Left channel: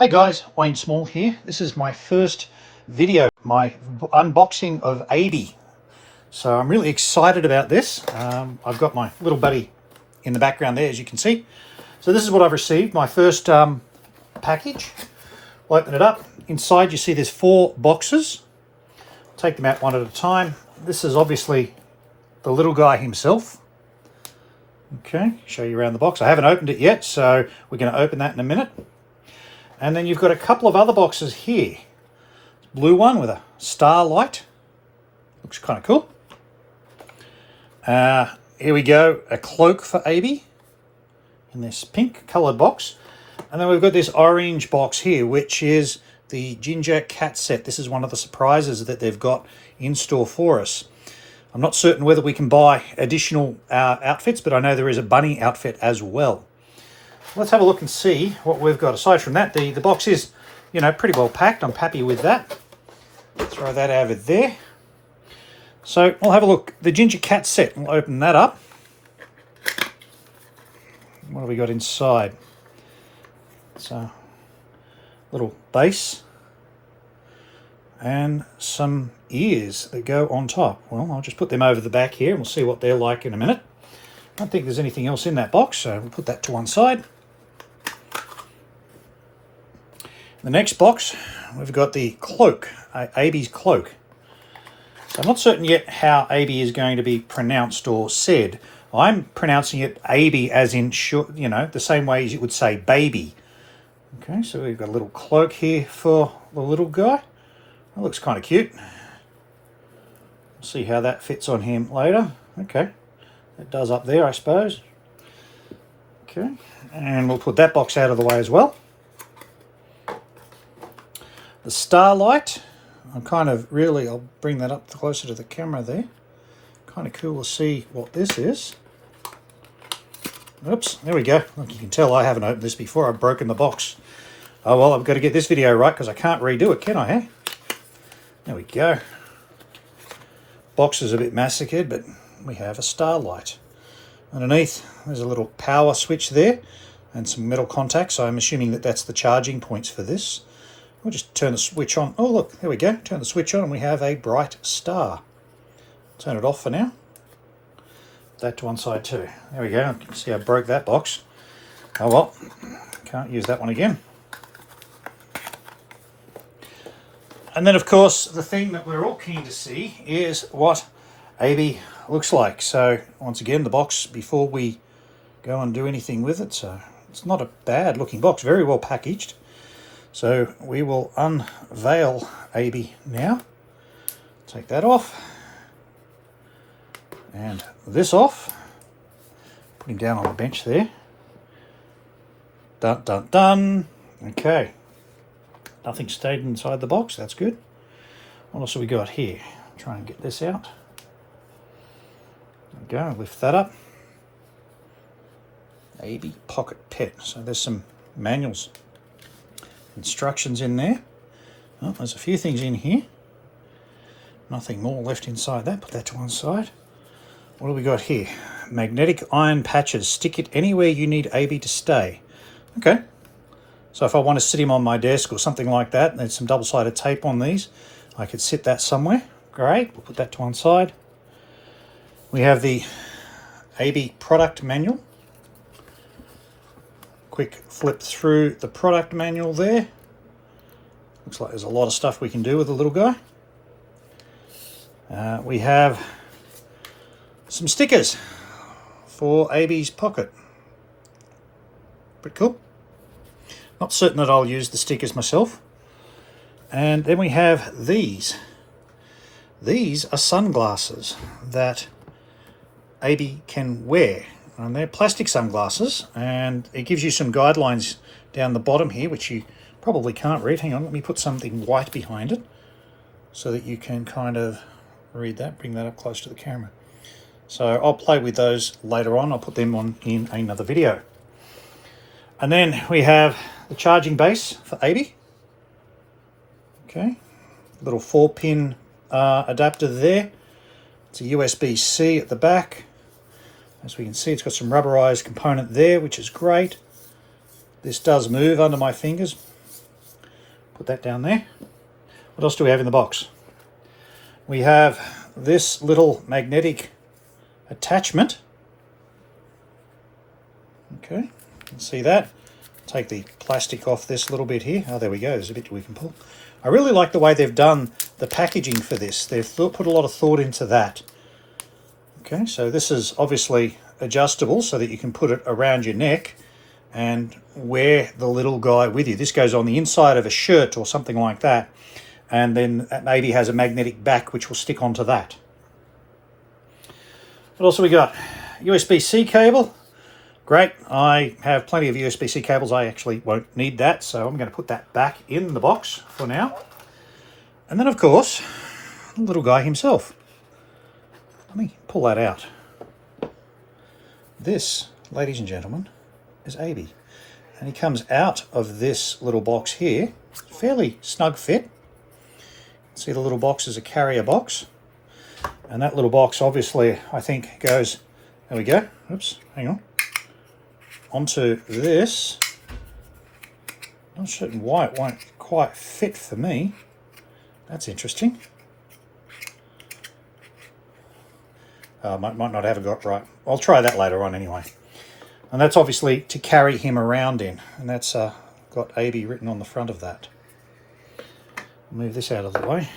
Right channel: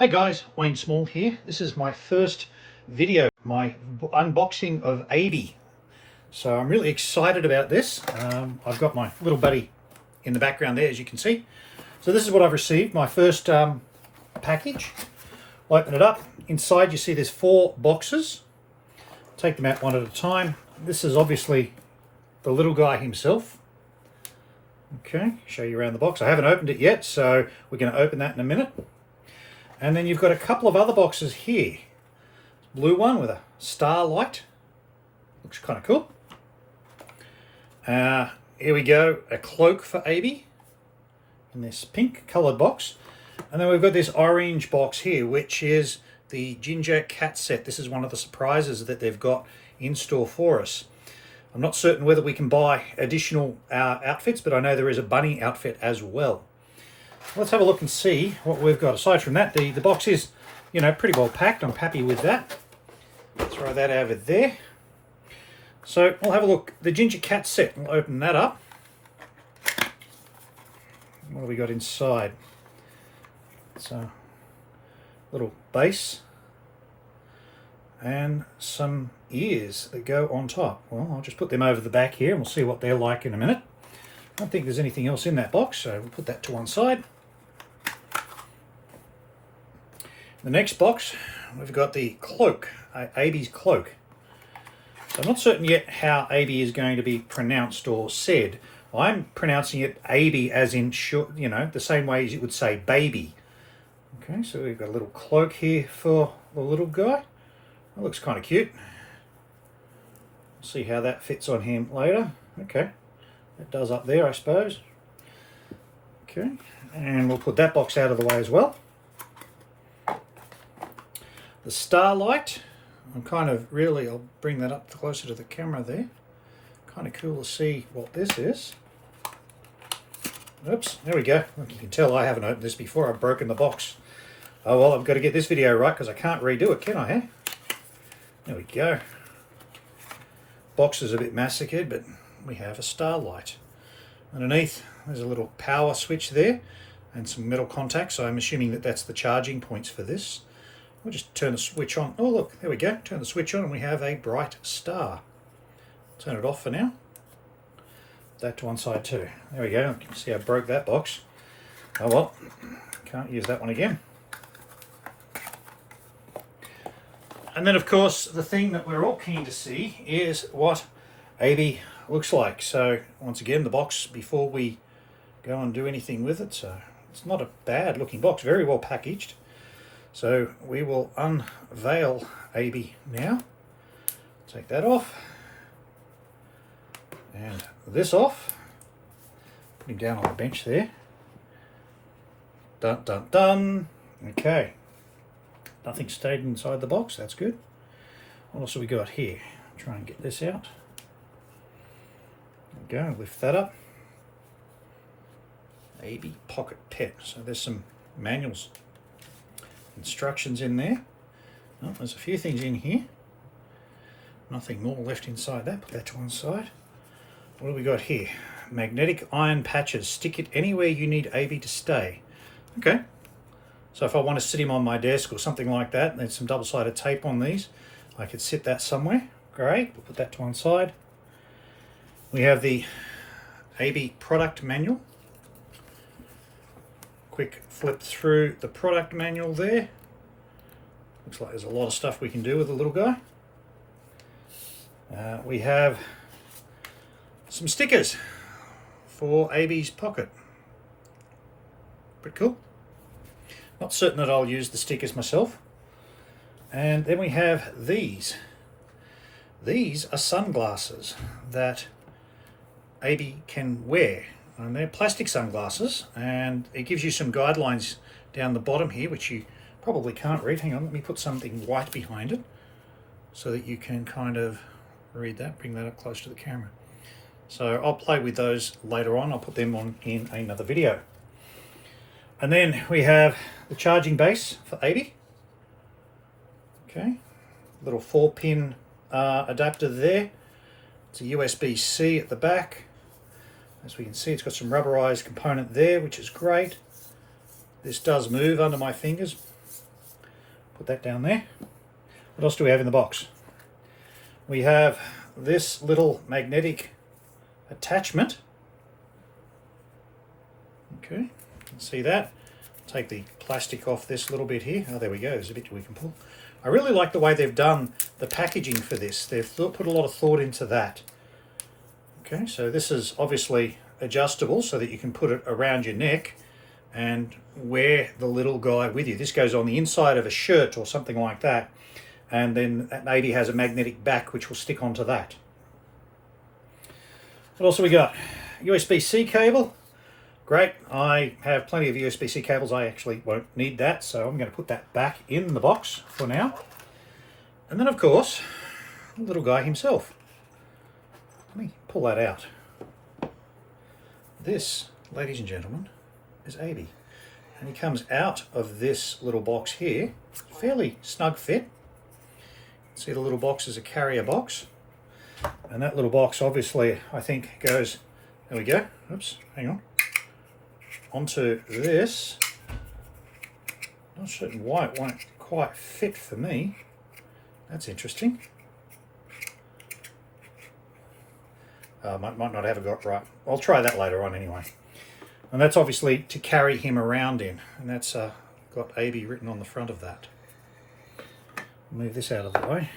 Hey guys, Wayne Small here. This is my first video, my unboxing of AIBI. So I'm really excited about this. I've got my little buddy in the background there, as you can see. So this is what I've received, my first package. I'll open it up. Inside you see there's 4 boxes. Take them out one at a time. This is obviously the little guy himself. Okay, show you around the box. I haven't opened it yet, so we're going to open that in a minute. And then you've got a couple of other boxes here. Blue one with a star light. Looks kind of cool. Here we go, a cloak for AIBI in this pink coloured box. And then we've got this orange box here, which is the Ginger Cat set. This is one of the surprises that they've got in store for us. I'm not certain whether we can buy additional outfits, but I know there is a bunny outfit as well. Let's have a look and see what we've got. Aside from that, the box is, pretty well packed. I'm happy with that. Throw that over there. So I'll have a look. The Ginger Cat set, we'll open that up. What have we got inside? It's a little base and some ears that go on top. Well, I'll just put them over the back here and we'll see what they're like in a minute. I don't think there's anything else in that box, so we'll put that to one side. The next box, we've got the cloak, AIBI's cloak. So I'm not certain yet how AIBI is going to be pronounced or said. I'm pronouncing it AIBI as in, the same way as you would say baby. Okay, so we've got a little cloak here for the little guy. That looks kind of cute. We'll see how that fits on him later. Okay, it does up there, I suppose. Okay, and we'll put that box out of the way as well. The starlight, I'll bring that up closer to the camera there. Kind of cool to see what this is. Oops, there we go. Like you can tell, I haven't opened this before. I've broken the box. Oh well, I've got to get this video right because I can't redo it, can I, eh? There we go. Box is a bit massacred, but we have a starlight. Underneath, there's a little power switch there and some metal contacts. So I'm assuming that that's the charging points for this. We'll just turn the switch on. Oh, look, there we go. Turn the switch on and we have a bright star. Turn it off for now. That to one side too. There we go. You can see I broke that box. Oh well, can't use that one again. And then, of course, the thing that we're all keen to see is what AIBI looks like. So, once again, the box before we go and do anything with it. So, it's not a bad looking box. Very well packaged. So we will unveil AIBI now. Take that off. And this off. Put him down on the bench there. Dun, dun, dun. Okay. Nothing stayed inside the box. That's good. What else have we got here? Try and get this out. There we go. Lift that up. AIBI Pocket Pet. So there's some manuals. Instructions in there. Well, there's a few things in here. Nothing more left inside that. Put that to one side. What do we got here? Magnetic iron patches. Stick it anywhere you need AIBI to stay. Okay. So if I want to sit him on my desk or something like that, there's some double-sided tape on these. I could sit that somewhere. Great. We'll put that to one side. We have the AIBI product manual. Quick flip through the product manual there. Looks like there's a lot of stuff we can do with the little guy. We have some stickers for AIBI's pocket. Pretty cool. Not certain that I'll use the stickers myself. And then we have these. These are sunglasses that AIBI can wear. And they're plastic sunglasses, and it gives you some guidelines down the bottom here, which you probably can't read. Hang on, let me put something white behind it so that you can kind of read that. Bring that up close to the camera. So I'll play with those later on. I'll put them on in another video. And then we have the charging base for AIBI. Okay, little 4-pin adapter there. It's a USB-C at the back. As we can see, it's got some rubberized component there, which is great. This does move under my fingers. Put that down there. What else do we have in the box? We have this little magnetic attachment. Okay, you can see that. Take the plastic off this little bit here. Oh, there we go. There's a bit we can pull. I really like the way they've done the packaging for this. They've put a lot of thought into that. Okay, so this is obviously adjustable so that you can put it around your neck and wear the little guy with you. This goes on the inside of a shirt or something like that, and then it maybe has a magnetic back which will stick onto that. What else have we got? USB-C cable. Great, I have plenty of USB-C cables. I actually won't need that, so I'm going to put that back in the box for now. And then, of course, the little guy himself. Let me pull that out. This, ladies and gentlemen, is AIBI. And he comes out of this little box here. Fairly snug fit. See, the little box is a carrier box. And that little box, obviously, I think goes, there we go. Oops, hang on. Onto this. Not certain why it won't quite fit for me. That's interesting. Might not have it got right. I'll try that later on anyway. And that's obviously to carry him around in. And that's got AIBI written on the front of that. Move this out of the way.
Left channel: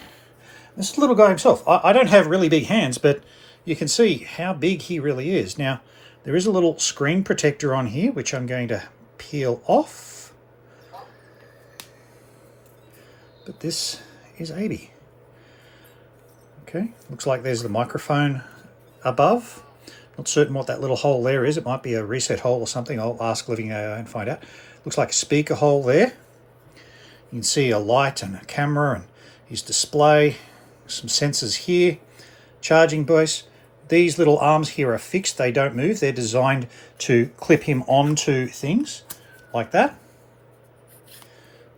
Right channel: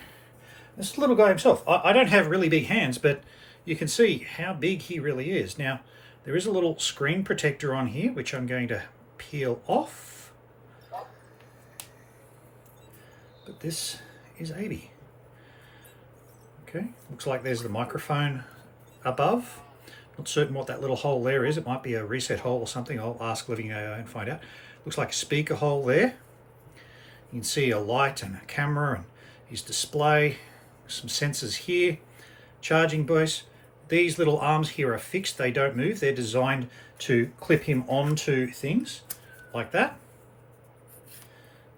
This little guy himself. I don't have really big hands, but you can see how big he really is. Now, there is a little screen protector on here, which I'm going to peel off. But this is AIBI. Okay, looks like there's the microphone above. Not certain what that little hole there is. It might be a reset hole or something. I'll ask Living.ai and find out. Looks like a speaker hole there. You can see a light and a camera and his display. Some sensors here. Charging base. These little arms here are fixed. They don't move. They're designed to clip him onto things like that.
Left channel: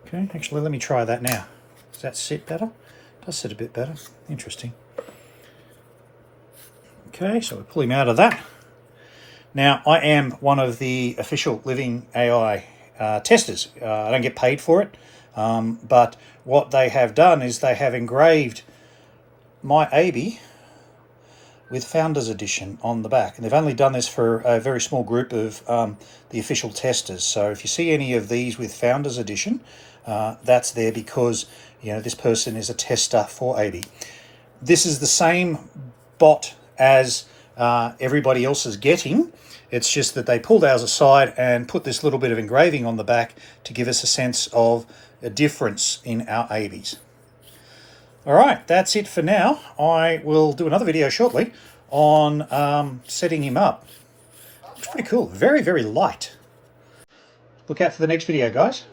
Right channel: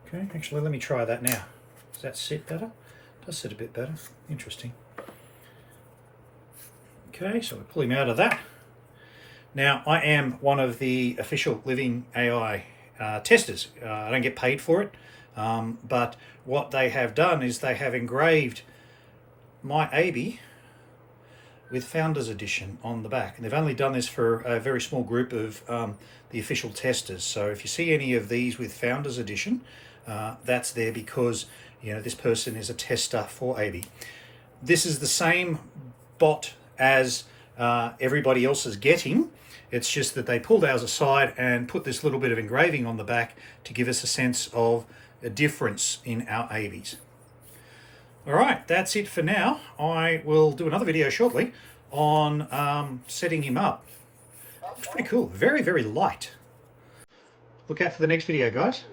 Okay, actually let me try that now. Does that sit better? It does sit a bit better. Interesting. Okay, so we pull him out of that. Now, I am one of the official Living.ai testers. I don't get paid for it, but what they have done is they have engraved my AIBI with Founders Edition on the back. And they've only done this for a very small group of the official testers. So if you see any of these with Founders Edition, that's there because, you know, this person is a tester for AIBI. This is the same bot as everybody else is getting. It's just that they pulled ours aside and put this little bit of engraving on the back to give us a sense of a difference in our AIBIs. All right, that's it for now. I will do another video shortly on setting him up. It's pretty cool. Very, very light. Look out for the next video, guys.